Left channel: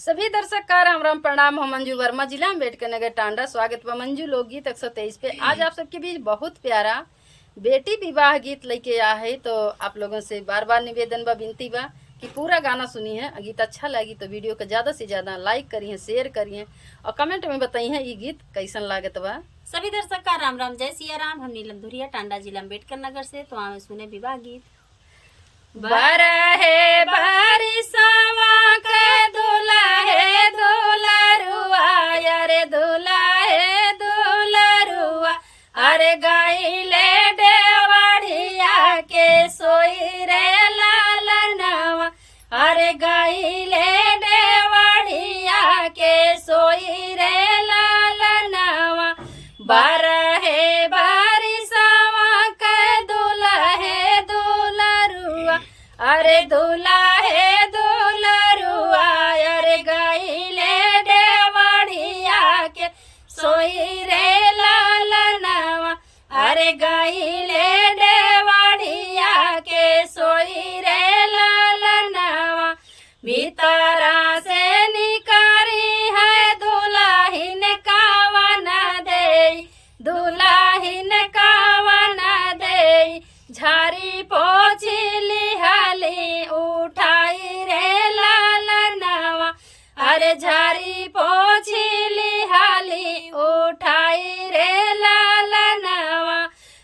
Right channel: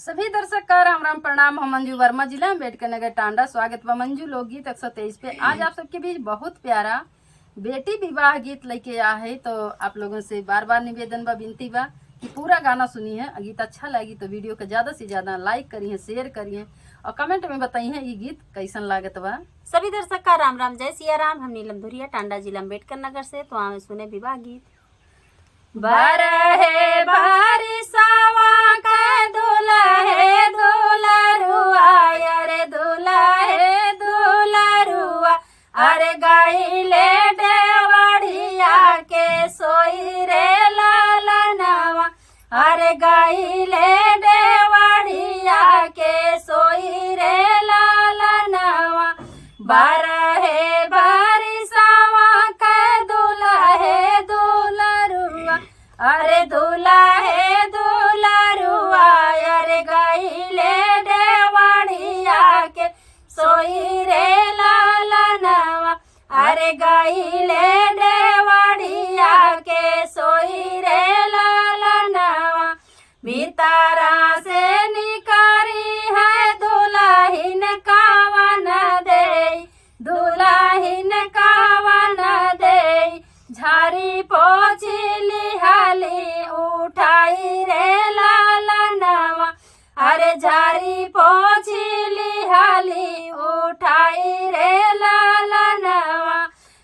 सभी दर्शक का राम राम प्रणाम। हम मंजू वर्मा, जिला अम्बेडकर नगर टांडा। स्वागत बा मंजू लोकगीत 123 पे। आज आप सबके बीच बहुत प्यारा बेटी विवाह गीत लेके आया है। तो आप लोगों से बार बार निवेदन बा, विनती बा कि पूरा गाना सुनी है। गीत अच्छा लगी तो वीडियो को ज़्यादा से ज़्यादा लाइक करिए, शेयर करिए और कमेंट में बताइए ये गीत कैसन लागत बा। सभी दर्शक का राम राम, जय सिया राम। हम नीलम धुरिया, टांडा, जिला अम्बेडकर नगर से। तो हमें सुने विवाह गीत। बरहे बारिशवा के दुल्हे दुल्हरुआ, अरे दुल्हे दुल्हरुआ, अरे गइले डेवढ़िया के सोई रे लालनवा, अरे गइले डेवढ़िया के सोई रे लालनवा। बरहे बारिशवा के दुल्हे दुल्हरुआ, अरे दुल्हे दुल्हरुआ, अरे गइले डेवढ़िया के सोई रे लालनवा, अरे गइले डेवढ़िया के सोई रे लालनवा। भीतरा से निकारी है दुल्हिन कावन दे, दुल्हिन कावन दे, झारी पोछी लिहाली उठाई रे लालनवा, अरे झारी पोछी लिहाली उठाई रे लालनवा।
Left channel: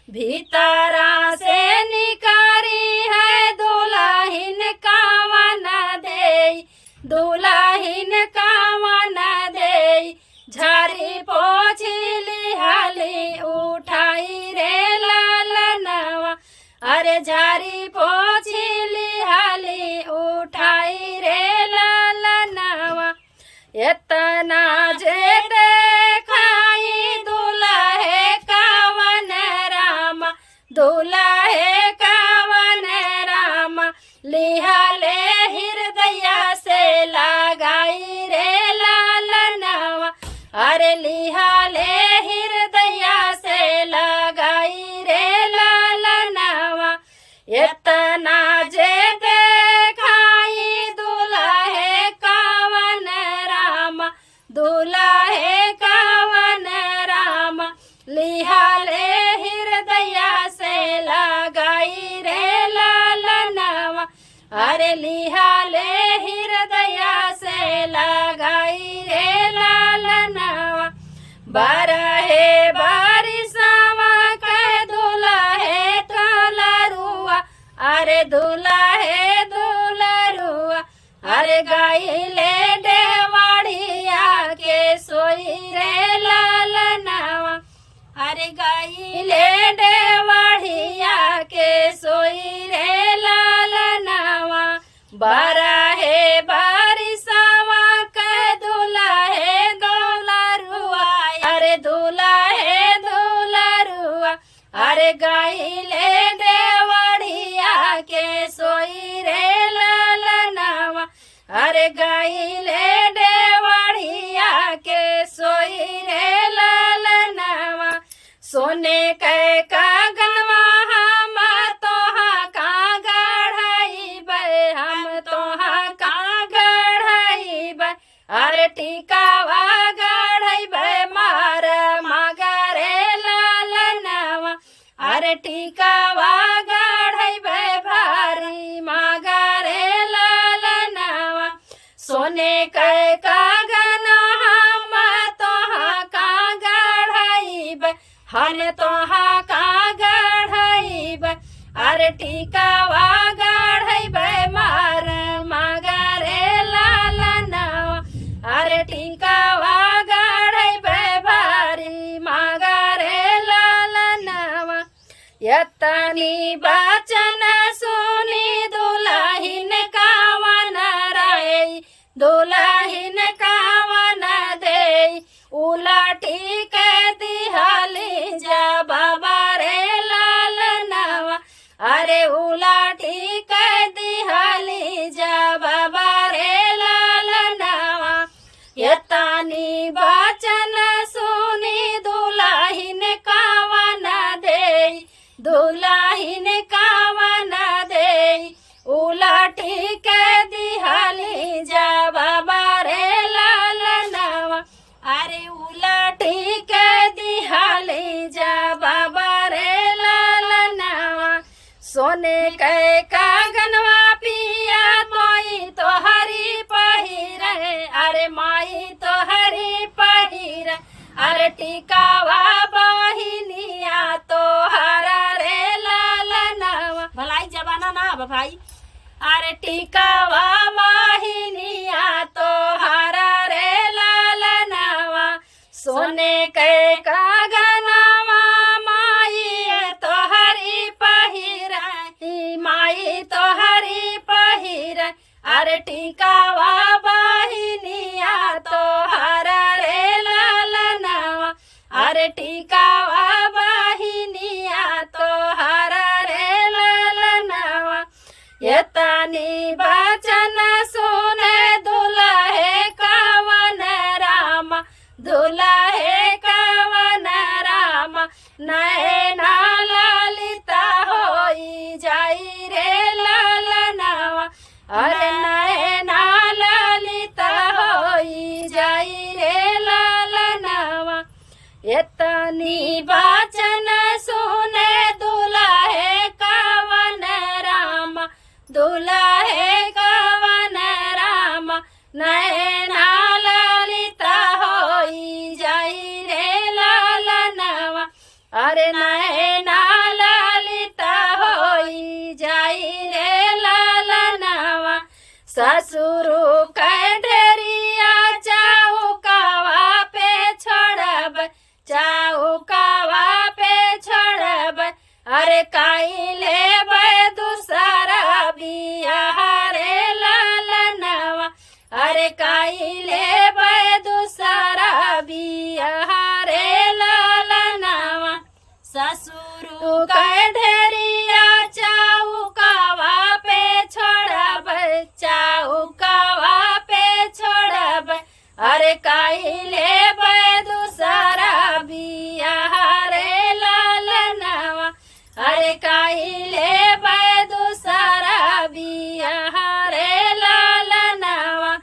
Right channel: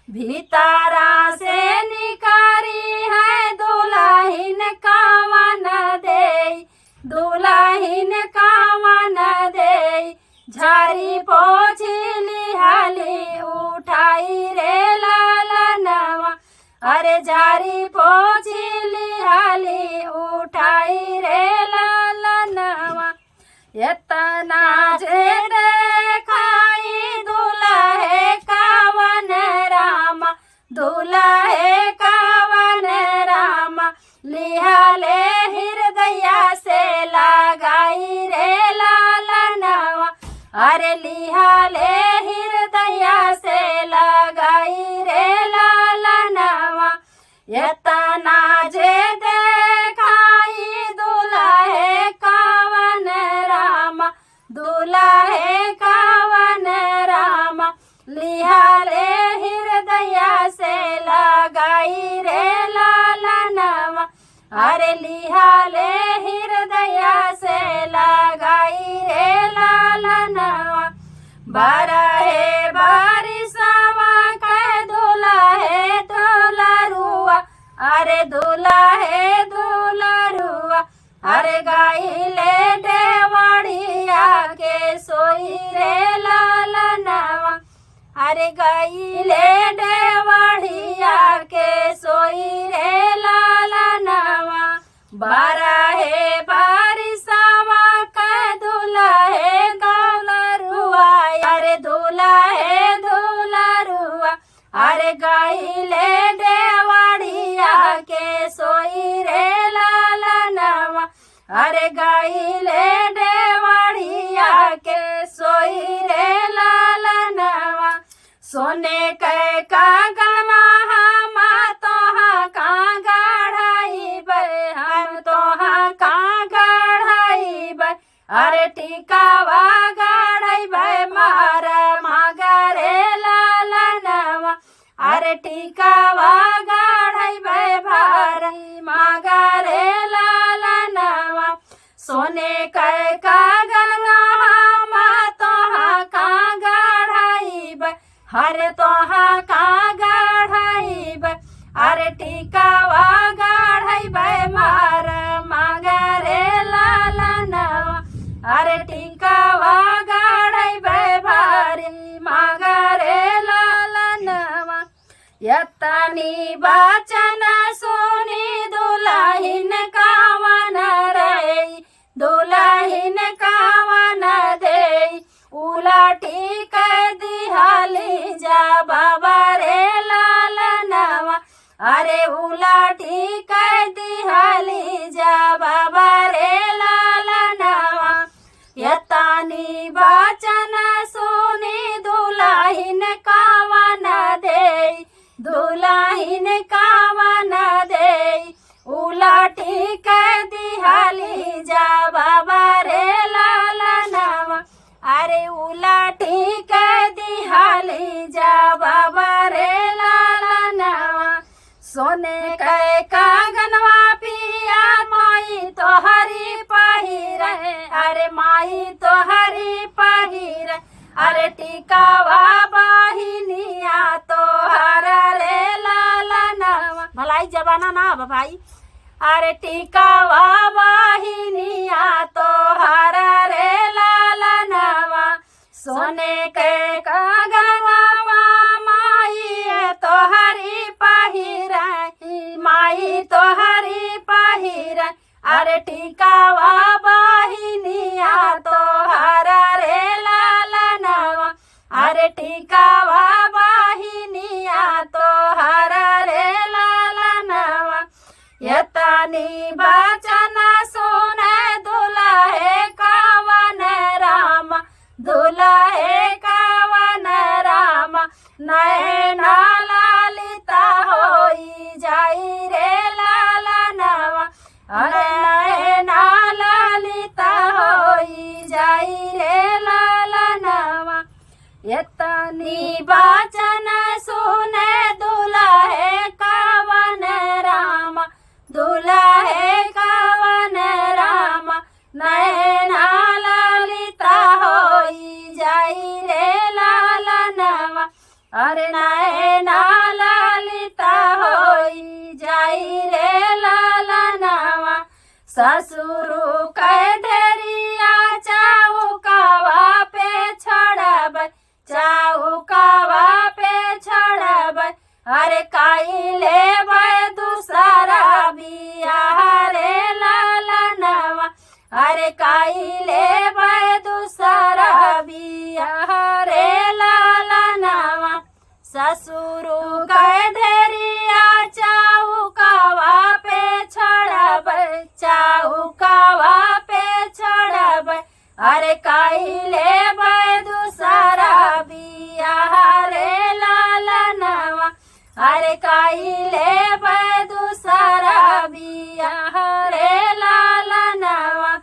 भीतरा से निकारी है दुल्हिन कावन दे, दुल्हिन कावन दे, झारी पोछी लिहाली उठाई रे लालनवा, अरे झारी पोछी लिहाली उठाई रे लालनवा। एतना जे देखाई दुल्हे कावन रामा, दुल्हे कावन रामा, लिहाले हृदया से लगाई रे लालनवा, अरे लिहाले हृदया से लगाई रे लालनवा। एतना जे देखाई दुल्हे कावन रामा, दुल्हे कावन रामा, लिहाले हृदया से लगाई रे लालनवा, अरे लिहाले हृदया से लगाई रे लालनवा। बरहे बारिशवा के दुल्हे दुल्हरुआ, अरे दुल्हे दुल्हरुआ, अरे गइले डेवढ़िया के सोई रे लालनवा, अरे गइले डेवढ़िया के सोई रे लालनवा। बरहे बारिशवा के दुल्हे दुल्हरुआ, अरे दुल्हे दुल्हरुआ, अरे गइले डेवढ़िया के सोई रे लालनवा, अरे गइले डेवढ़िया के सोई रे लालनवा। सोने के कागनवा हम तोहा का गढ़ाइबै, हम तोहा का गढ़ाइबै, अरे टीकावा गढ़ाइबै मार मागरे लालनवा, अरे टीकावा गढ़ाइबै भारी मागरे लालनवा। सोने के कागना हम तोहा का गढ़ाइबै, हर तोहा का गढ़ाइबै, अरे टीकावा गढ़ाइबै मार मागरे लालनवा, अरे टीकावा गढ़ाइबै भारी मागरे लालनवा। यतनी बचन सुनी दुल्हिन कावन रे, दुल्हिन कावन दे, उलटी के दिहाली जा बाबा रे लालनवा, अरे उलटी के दिहाली जा बाबा रे लालनवा। यतनी बचन सुनी दुल्हिन कावन दे, दुल्हिन कावन दे, उलटी के दिहाली जा बाबा रे टिकावा बहिनिया तोहरा रे लालनवा। भलाई जमाना ना बा भाई। अरे टिकावा बहिनिया तोहरा रे लालनवा, सोने के कागनवा माई तोहरी पहिराई, माई तोहरी पहिराई। अरे टिकावा बहिनिया तोहरा रे लालनवा, अरे टिकावा बहिनिया तोहरा रे लालनवा। ये तनी बचन सुने दुल्हे कवन राम, दुल्हे कवन राम, नैना ललिता होई जाई रे लालनवा, अरे नैना ललिता होई जाई रे लालनवा। एतनी बचन सुने दुल्हे कवन राम, दुल्हे कवन राम, नैना ललिता होई जाई रे लालनवा, अरे नैना ललिता होई जाई रे लालनवा। ससुरु के ढेरिया चौकावा पे छोड़ब, चौकावा पे छोड़ब, अरे काई लेब दूसरा बियाह रे लालनवा, अरे काई लेब दूसरा बियाह रे लालनवा। ससुरु के ढेरिया चौकावा पे छोड़ब, चौकावा पे छोड़ब, अरे काई लेब दूसरा बियाह रे लालनवा, अरे काई लेब दूसरा बियाह रे लालनवा।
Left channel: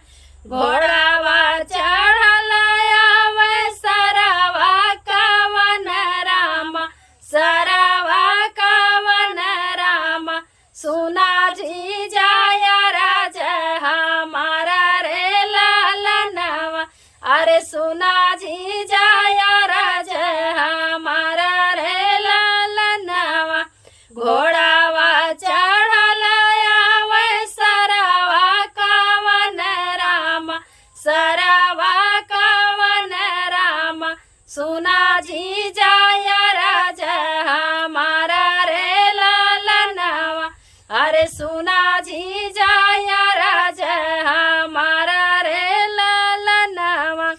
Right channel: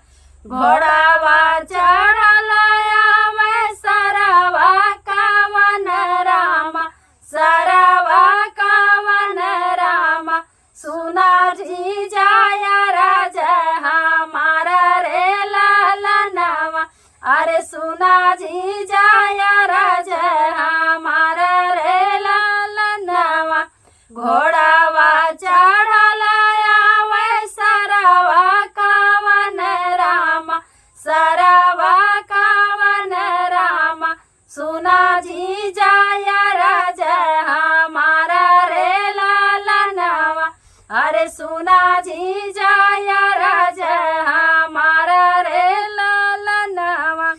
घोड़ावा चढ़लया में सरवा कवन राम, सरवा कवन राम, सुना जी जाया राज हमारा रे लालनवा, अरे सुना जी जाया राज हमारा रे लालनवा। घोड़ावा चढ़लया में सरवा कवन राम, सरवा कवन राम, सुना जी जाया राज हमारा रे लालनवा, अरे सुना जी जाया राज हमारा रे लालनवा।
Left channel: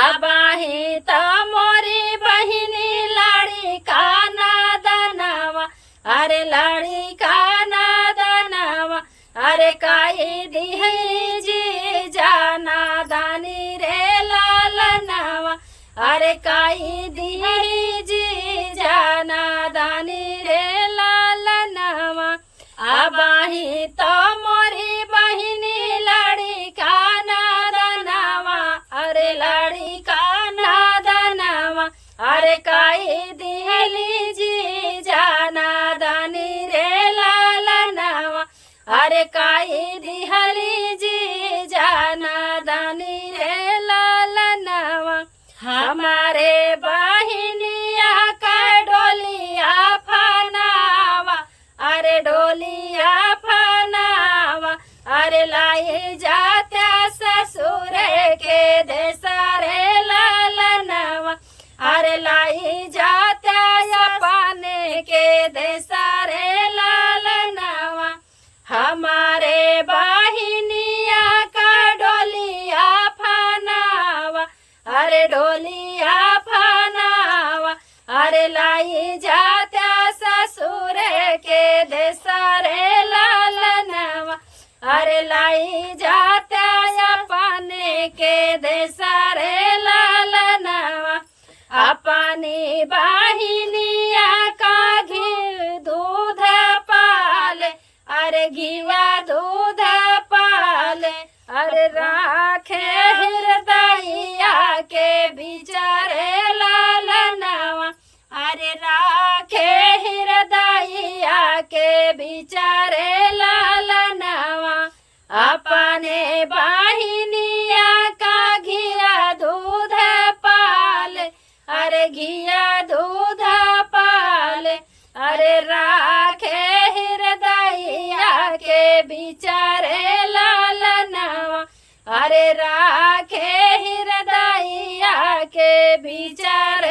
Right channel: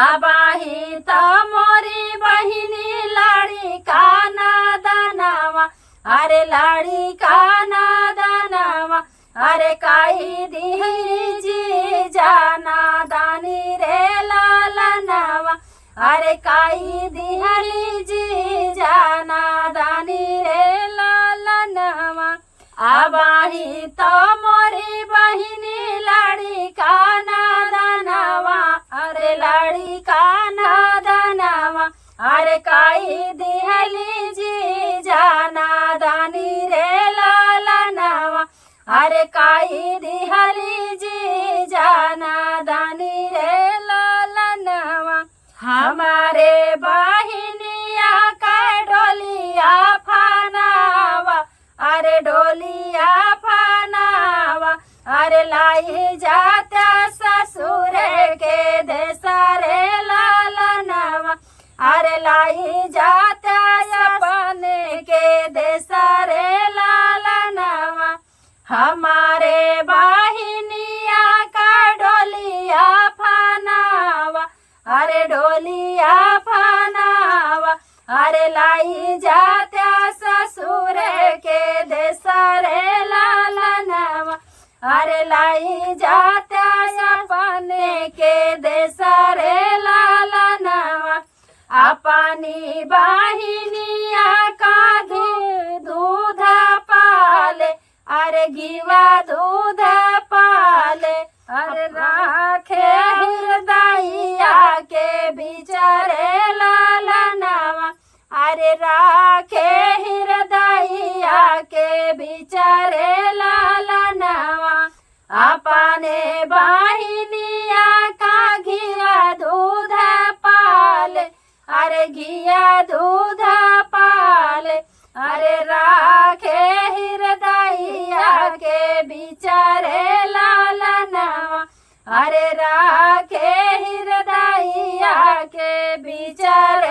आबाही तो मोरी बहिनी लाड़ी का नादनवा, अरे लाड़ी का नादनवा, अरे काई दिहरी जी जाना दानी रे लालनवा, अरे काई दिहरी जी जाना दानी रे लालनवा। आबाही तो मोरी बहिनी लाड़ी का नादनवा, अरे लाड़ी का नादनवा, अरे काई दिहली जी जाना दानी रे लालनवा, अरे काई दिहली जी जाना दानी रे लालनवा। हमारे बहिनिया का डोलिया फनावा, अरे डोलिया फनावा, अरे लाई जाता ससुर के देसरे लालनवा, अरे लाई जाता अपने के देसरे लालनवा। हमारे बहिनिया का डोलिया फनावा, अरे डोलिया फनावा, अरे लाई जाता ससुर के देसरे लालनवा, अरे लाई जाता अपने के देसरे लालनवा। अपनी बहिनिया का घी दूध पाले, अरे घीवा दूध पाले, अरे राखे हृदयया के बिचारे लालनवा, अरे राखे हृदयया के बिचारे लालनवा। अपने बहिनिया का घिया दूध पाले, अरे घिया दूधा पाले अरे राखे हृदयिया के बिचारे लालनवा अरे राखे हृदयिया के बिचारे